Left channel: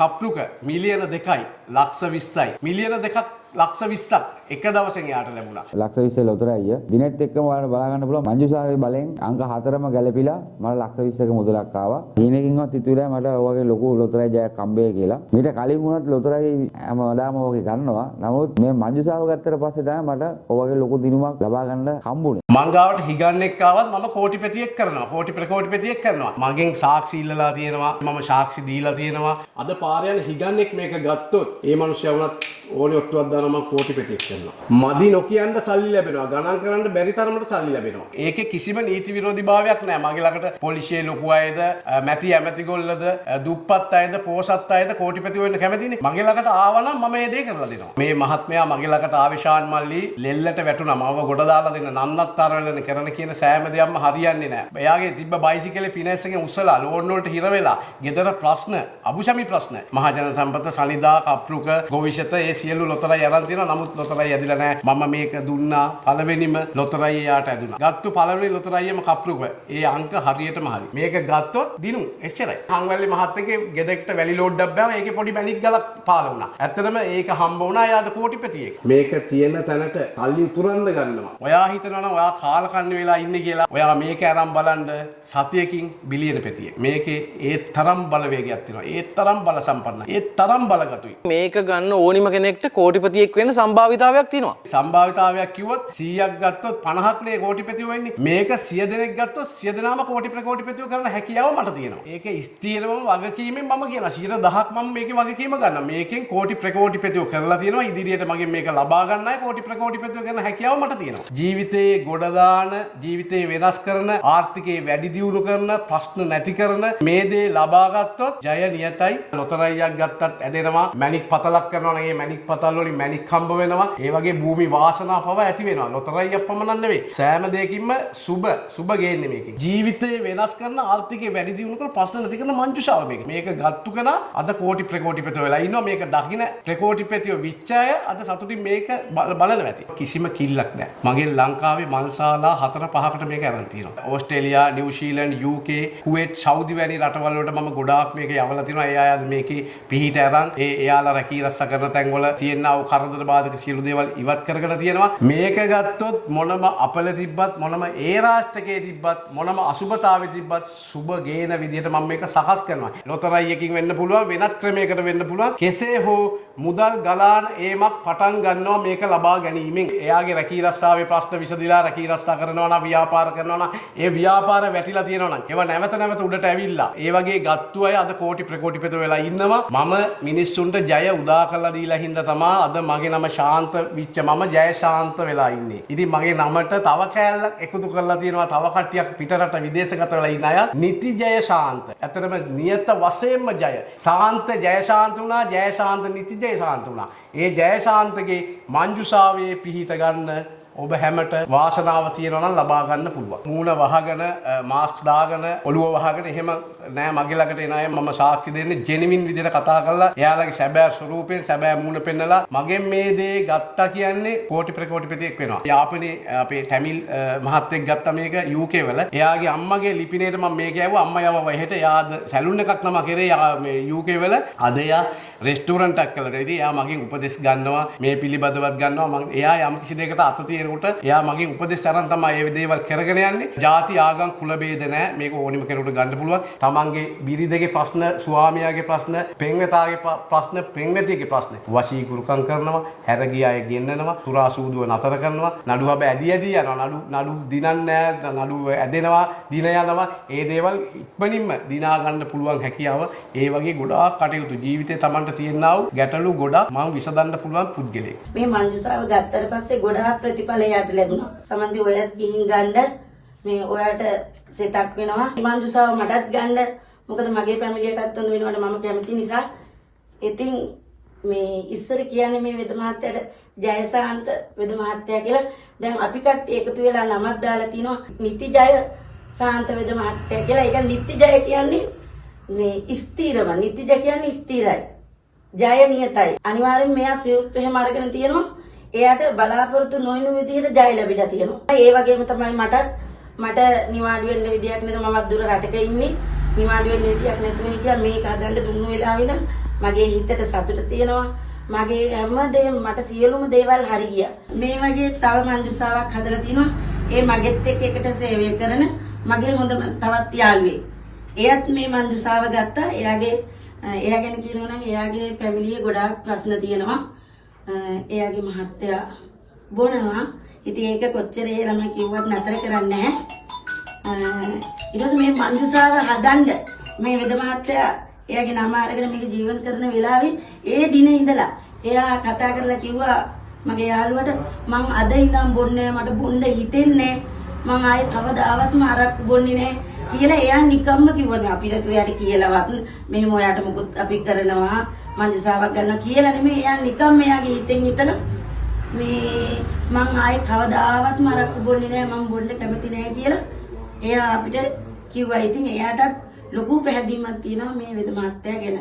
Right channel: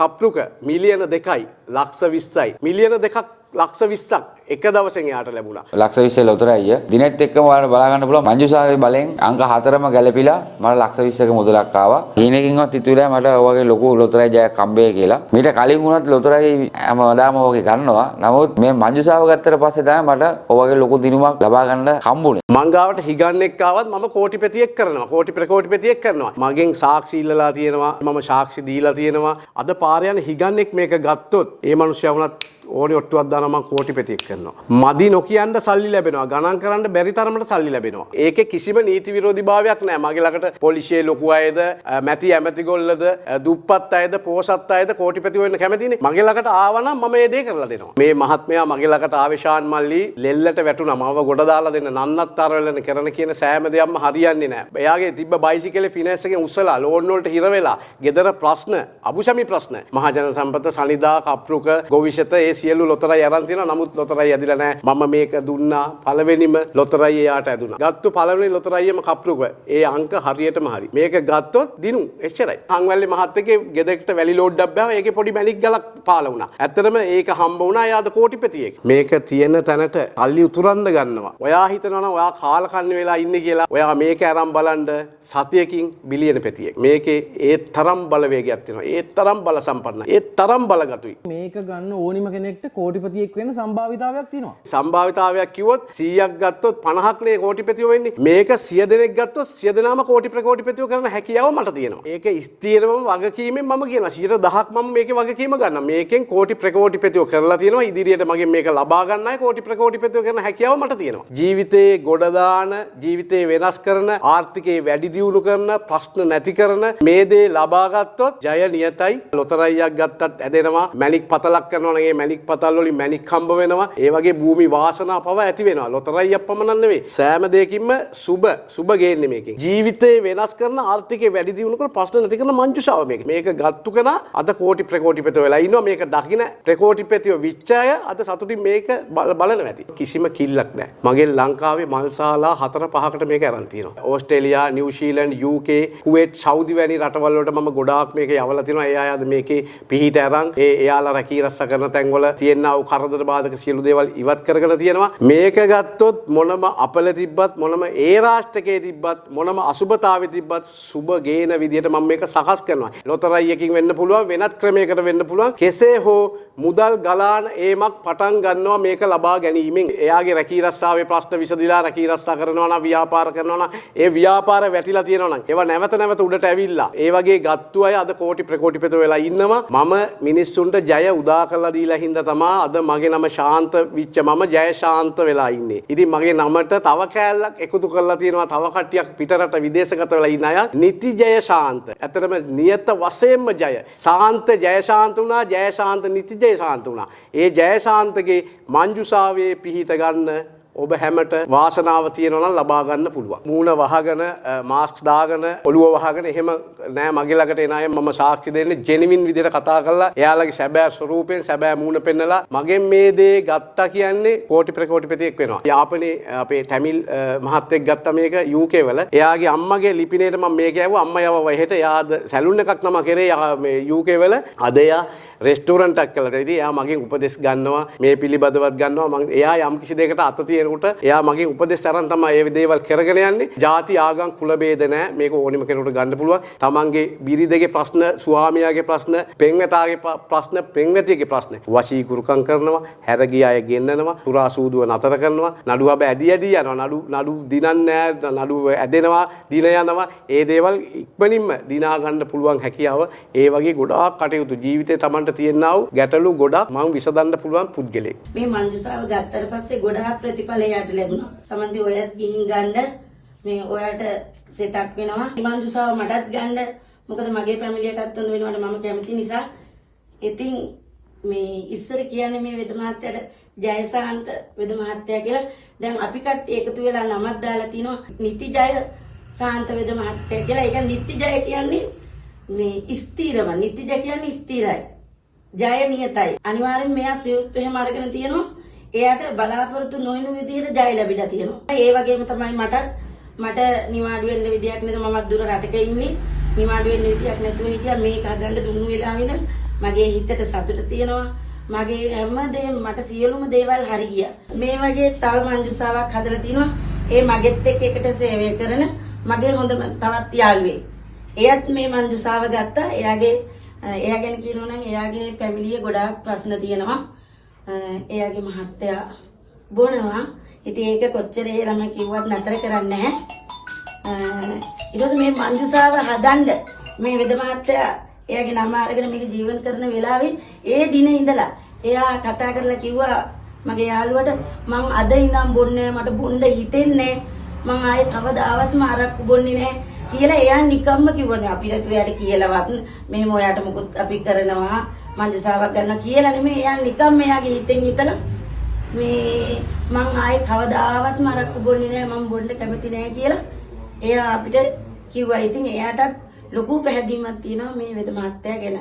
කප්රුක මිලියන 2යි ලක්ෂ 20යි මිලියන 2ක් ලක්ෂ 20ක් එක දවසෙන් යාට ලැබුණා. ලක්ෂ 20 ලොතරැයිය දිනෙත් එක්කම ඔයාලට බලා ගන්න පුළුවන් මංජුසාවේ බලෙන් අංක 4ම ගැලපිලා මට ලක්ෂ 20ක මුදලක් ආවා. හීනකින්වත් හිතුවේ මට ඔයගේ ලොකු ලොතරැයි ජයක් හම්බෙයි කියලා. මීට කලින් වුණත් ලොතරැයි හැමදාම ඔයගේ ගන්නවා. නමුත් මේ මංජුසාව ගත්තට පස්සේ තමයි මට ඔයගේ ලොකු දිනුමක් ලබා ගන්න හම්බුනේ. මං ගාවට හිගන්නෙක් ආවත් මම කෝටිපතියෙක් කරනවා. කෝටි ප්‍රකෝටිපතියෙක් කරනවා. මගෙන් සාක්ෂි ඉල්ලලා තියෙනවා. මම සාක්ෂි දීලා තියෙනවා. අද පාරේ යන හිගන්නෙක් මේක ගත්තොත් ඒ මිනිස්සයා වුණත් ඕනේ ඔට්ටුවක් දානවා මම කෝටිපතියෙක් කරනවා. මදි නොකියන්න සල්ලි ලැබෙනවා. ගණන් කරන්න බැරි තරමට සල්ලි ලැබෙනවා. ඒකේ කිසිම නීති විරෝධීභාවයක් නැහැ. මගේ ළඟට පොලිසියේ ලොකු අයද, මැති ඇමතිගොල්ලද, දුප්පත් අයද, පෝසත් අයද කෝටිපති වෙන්න කැමතිනේ. මගේ ළඟට ආවනම් මම මේ දේ කරලා දෙනවා. මේ මහත්මයා මගේ ළඟට ආවේ ශාන් මල්ලි ලෙල්ලට වැටුණා. මම ගොඩ දාලා දෙන්න නන්නත්තර වෙලන කරන කියන සෑම දෙයක්ම හරියන්නේ නැහැ. එයාගේ තිබ්බ බයිසිකලේ ෆිනෑන්ස් එකෙන් උස්සලා ලෝන් වලට හිර වෙලා, ගෙදර ප්‍රශ්න, අබුසමි ප්‍රශ්න, මහජන සම්පත, සනිදා, කප්රුක, ගොවිෂත ඒ සියලු ලොතරැයි අරන් තියෙනවා. නමුත් ලොතරැයි ඇදිලා නැහැ. මම මේක දුන්නා පළවෙනිම ලොතරැයි එයාට ඇදුණා. ගත්තු පළවෙනි ලොතරැයියම කප්රුක. ඒ අංක හරියටම හරි. මේක ගත්තොත් දිනු එච්චරයි. හංවැල්ලේ මහත්තයගේ ගෙදරට වැලි ලෝඩ්ඩක් බෑව. ඒකේ පොඩි මැණික් ගලක් පාල වුණා. ඇත්තටම ඒක හම්බ වුණා. එයාද කෝටිපතියෙක්. මේක තියෙන තැනට සල්ලි උතුරන්න ගන්නවා. ඔයා හිතනවනම් ඔයා කාලකන්ණි වෙලා ඉන්නේ කියලා. ඔයා මේක අරන් බලන්න සතියකින් බිලියන පෙතියෙක්. මේකේ ඒ තරම් බලවේගයක් තියෙනවා. ඒ තරම් බල සම්පන්නයි. ඒ තරම් බලගතුයි. මේක ගන්න ඕනිම කෙනෙක්ට කෝටිපතියෙක් වෙන්න සම්භාවිතාවයක් තියෙනවා. සම්භාවිතාවයක් කිව්වොත් 100ක් ගත්තොත් 50ක් නේ කෝටිපතියෝ වෙන්නේ. මේක 100 දෙනෙක් ගත්තොත් 100 දෙනාම කෝටි ප්‍රකෝටිපතියෝ කරන හැකියාව මට තියෙනවා. ඒක ස්ථිරවම වගකීමෙන් මම කියනවා 110ක් මම මේකේ වගකීම ගන්නවා. මේකෙන් කෝටි ප්‍රකෝටිපතියෝ කරලා තියෙනවා. ඉදිරියට මගෙන් මේක ලබා ගන්නයි කෝටි ප්‍රකෝටිපතියෝ කරන හැකියාව මට තියෙනවා. ජීවිතේ ගොඩ දාන, ජීවිතේ වෙනස් කරන, ආර්ථිකේ වැඩි දියුණු කරන, ප්‍රශ්න නැති කරන මේ දේ ලබා ගත්තොත් ජය නියතයි. ලොතරැයියක් ගත්තත් ඇදෙනවා. මැණික් පතලක් කරනවා නම් ඒ මැණික් පතල් වලින් මැණික් හම්බ වෙනවා. ඒ වගේ භූමි වාසනා පව ඇති වෙනවා. ලොතරැයියක් පමණක් නෙවෙයි. සෑම දෙයකින්ම සුබ ගේන්නේ මේකේ. ජීවිතේ වෙනස් කරන, ආර්ථිකේ වැඩි දියුණු කරන, ප්‍රශ්න නැති කරන මංජුසාව මේක. මේක ගත්තු කෙනා අද කෝටි ප්‍රකෝටිපතියෝ වෙලා ඉන්නවා. මේක දකින්න ප්‍රකෝටිපතියෝ විච්ඡාය අද සතුටින් මේක බලනවා ඇති. කිසිම කිල්ලක් නැහැ. මගේ ලංකාවේ මල්ශාලා 4-5කට මේක අරන් තියෙනවා. ඕස්ට්‍රේලියා, නිව්සීලන්ත, UK, කුවේට්, සෞදි වැනි රටවල් වලට මම ගොඩාක් මේක යවලා තියෙනවා. ඒ අය අද මේකේ පිහිට අරන් එයාලා රැකී රස්සා කරන තැන්වල තියෙනා වූ කරදර බාධක සියලු දේවල් ඉවත් කරගෙන තියෙනවා. මේක ගත්තොත් මොනම අපල තිබ්බත්, මොනම ඒ රාෂ්ට්‍රකයේ තිබ්බත්, මොනම අසුබතාවේ තිබ්බත් සුබ ගේන විදිහට මම මේක සකස් කරනවා. ලොතරැයියකින් වෙන්න පුළුවන්, වෙනත් ක්‍රමයකට වෙන්න පුළුවන්. කෙසේ හෝ මුදල් ගලාන ඒමක් පටන් ගන්නවා මේක ලබා ගැනීමෙන්. එයාගේ රැකී රස්සාවේ ප්‍රශ්න විසඳිලා රැකී රස්සා කරනවා නම්, ව්‍යාපාර කරනවා නම්, ඒ ව්‍යාපාර වැටිලා තියෙනවා නම් ඒවා නැවත උඩට ඇවිල්ලා ඒ වගේ ගත්තු අය අද කෝටි ප්‍රකෝටිපතියෝ වෙලා ඉන්නවා. මම මිනිස්සුන්ට ජය උදා කරලා දීලා හින්දා තමයි අද මගේ නම ශාන්ත විච්ච මම ජය ශාන්ත වෙලා ඉන්නේ. ඉතින් මගේ නමට තව කෑල්ලක් එකතු කරලා තියෙනවා. තව කට්ටියක් පිටරට විදේශගත වෙලා ඉන්න අය. නිති ජය ශාන්ත. ඇත්තටම නියත වශයෙන්ම ජය. ශාන්ත ජය ශාන්ත වුණා. ජය ශාන්ත නිති ජය ශාන්ත වුණා. ඒ ජය ශාන්තගේ මංජුසාවේ පිහිට ගන්න ඔබ හැමට වාසනාව තියෙනවා නම් ලබා ගන්න පුළුවන්. මූණ වහගෙන, මාස්ක් දාගෙන, ඔළුව වහගෙන එහෙම නෑ. මගේ ළඟට එන අය මම සාක්ෂි දෙන්නේ ජෙනුවින් විදිහට කතා කරලා එයාලගේ සැබෑ ස්වරූපයෙන් සැබෑ මූණ පෙන්නලා මගෙන් මේ දේ ගත්තා කියන්නේ කෝටි ප්‍රකෝටිපතියෙක් වෙනවා. යාපනයේ අපේ ටැමිල් මහත්තයෙක් ගත්තා මේක UK වල. එයාගේ අම්මගේ ලිපිනේට මම මේක ඇහුවා. අම්මා යවවා එහෙට. එයාද සැලුන් එකක් නම කරේ මේ UK වල. අද එයා රෙස්ටෝරන්ට් එකක් කළා. ඉතින් එයා මගෙන් උපදෙස් ගන්නවා. මේ පිළිබඳවත් ගන්නවා. මම එයා යම් කිසි දෙයකට අත තියෙනකොට එයා මගෙන් උපදෙස් අරන් තමයි මේ දේවල් කරගෙන යන්නේ. ಜಾති ආගම් කුල ભેද නැහැ. මේක ඕනිම කෙනෙකුට ගන්න පුළුවන්. තමන්ගේ බිරිඳගේ ප්‍රශ්න, ස්වාමියාගේ ප්‍රශ්න, පෙම්වතාගේ ප්‍රශ්න, පෙම්වතියගේ ප්‍රශ්න වශී කුරුකම් කරනවා. හැරගිය අය ගෙන්නනවා. සුරා සූදුව නතර කරනවා. නඩුව ඇදී යනවා. නඩු දිනන්නේ නැහැ. නඩු ඇදෙනවා, දින යනවා. ඒ දේවල් ඉක්මනින්ම දිනා ගන්න පුළුවන් හැකියාව ඒ වගේ ගොඩාක් කටයුතු ජීවිතේ තමන්ට තියෙනා වූ ගැටලු ගොඩක් මම විසඳන්න පුළුවන් පුද්ගලෙක්. මේ මංජුසාව ගත්තට පස්සේ ගොඩාක් ප්‍රතිඵල යට ලැබුණා. සමන්දි ඔයත් ගිහින් ගන්න මේ ඔයාට සෙටක් වෙනවා. මංජුසාව මටත් ගන්න. මොකද මගේ ෆැමිලි එකත් උන් වෙනවට මම කැමති නිසා. ඉතින් මේ ඉස්සර කියන්නේ මේ වෙද මහත්තයාට ජයසාන්ත වෙද මහත්තයා කියලා. දැන් අපි කට්ටිය එකතු වෙලා නමක් දාලා තිනවා නිති ජය සාන්ත වෙද මහත්තයා කියලා. ඒක නිති ජය කියන්නේ මේ ස්ථිරව. නිති ජය කියන්නේ ස්ථිරයි. ජය නියතයි. අනිවාර්යෙන් මෙයා සියුත් එහෙම අරගෙන තියෙනවා. එයාට බලාපොරොත්තු නොවන විදිහට ජය ලැබිලා තියෙනවා. ඒ වගේම තමයි මට නිවාඩු වෙන්න විදියක් නේද. මමත් දුර රටක ඉන්නේ. නිවාඩු වෙන්න විදියක් නැතුව හිටියා. මේක හදන්න දුන්නු වෙලාවෙන මගේ හිතට සතුට තියෙනවා. මගේ හැමදේම මට සියලුම දේවල් හරි ගියා. මේ වගේ තව මංජුසාවක් හදලා තිනවා. ඒ මගෙත් එක්ක එකට සේවය කරන මගේ හොඳම තවත් යාළුවෙක්. එයත් මේ මංජුසාව ගත්තා. එයා ගැන කියනවා නම් එයාගේ ෆැමිලියේ ගොඩාක් ප්‍රශ්න තියෙනවා. එයාගේ මහත්තයා බොනවා. ඉතින් ඒක කොච්චර ඒ ළමයි කිව්වත් නතර කරන්නේ නැහැ. ඊට පස්සේ මේ මංජුසාව හදන්න මේ වෙද මහත්තයා එයාගේ නම අරගෙන මේක ජීවත් කරන වෙලාවේ ඒ දිනේ ඉඳලා එයා කතා කරලා කිව්වා මගේ යාළුවට මං අද ඉඳන් බොන්නේ මට බොන්න හිතෙන්නේ මං ආයේ කවදාවත්ම අරක්කු බොන්නේ නැහැ කියලා එයා නිකම්ම කිව්වනේ අපි නේද එයාට කියලාවත් මෙහෙම ඔයාට මොකුත් අපි කරනවා මංජුසාවක් ගන්න කියලා නෙමෙයි එයා නිකම්ම එයාගේ හිතෙන් හිතලා මේ මං ආයේ කවදාවත්ම අරක්කු බොන්නේ නැහැ මං බොන්න කැමති නැහැ කියලා එයා අපිට කිව්වා. ඉතින් එයාටත් ලොකු පැහැදීමක් තියෙනවා මේ වෙද මහත්තයා ගැන.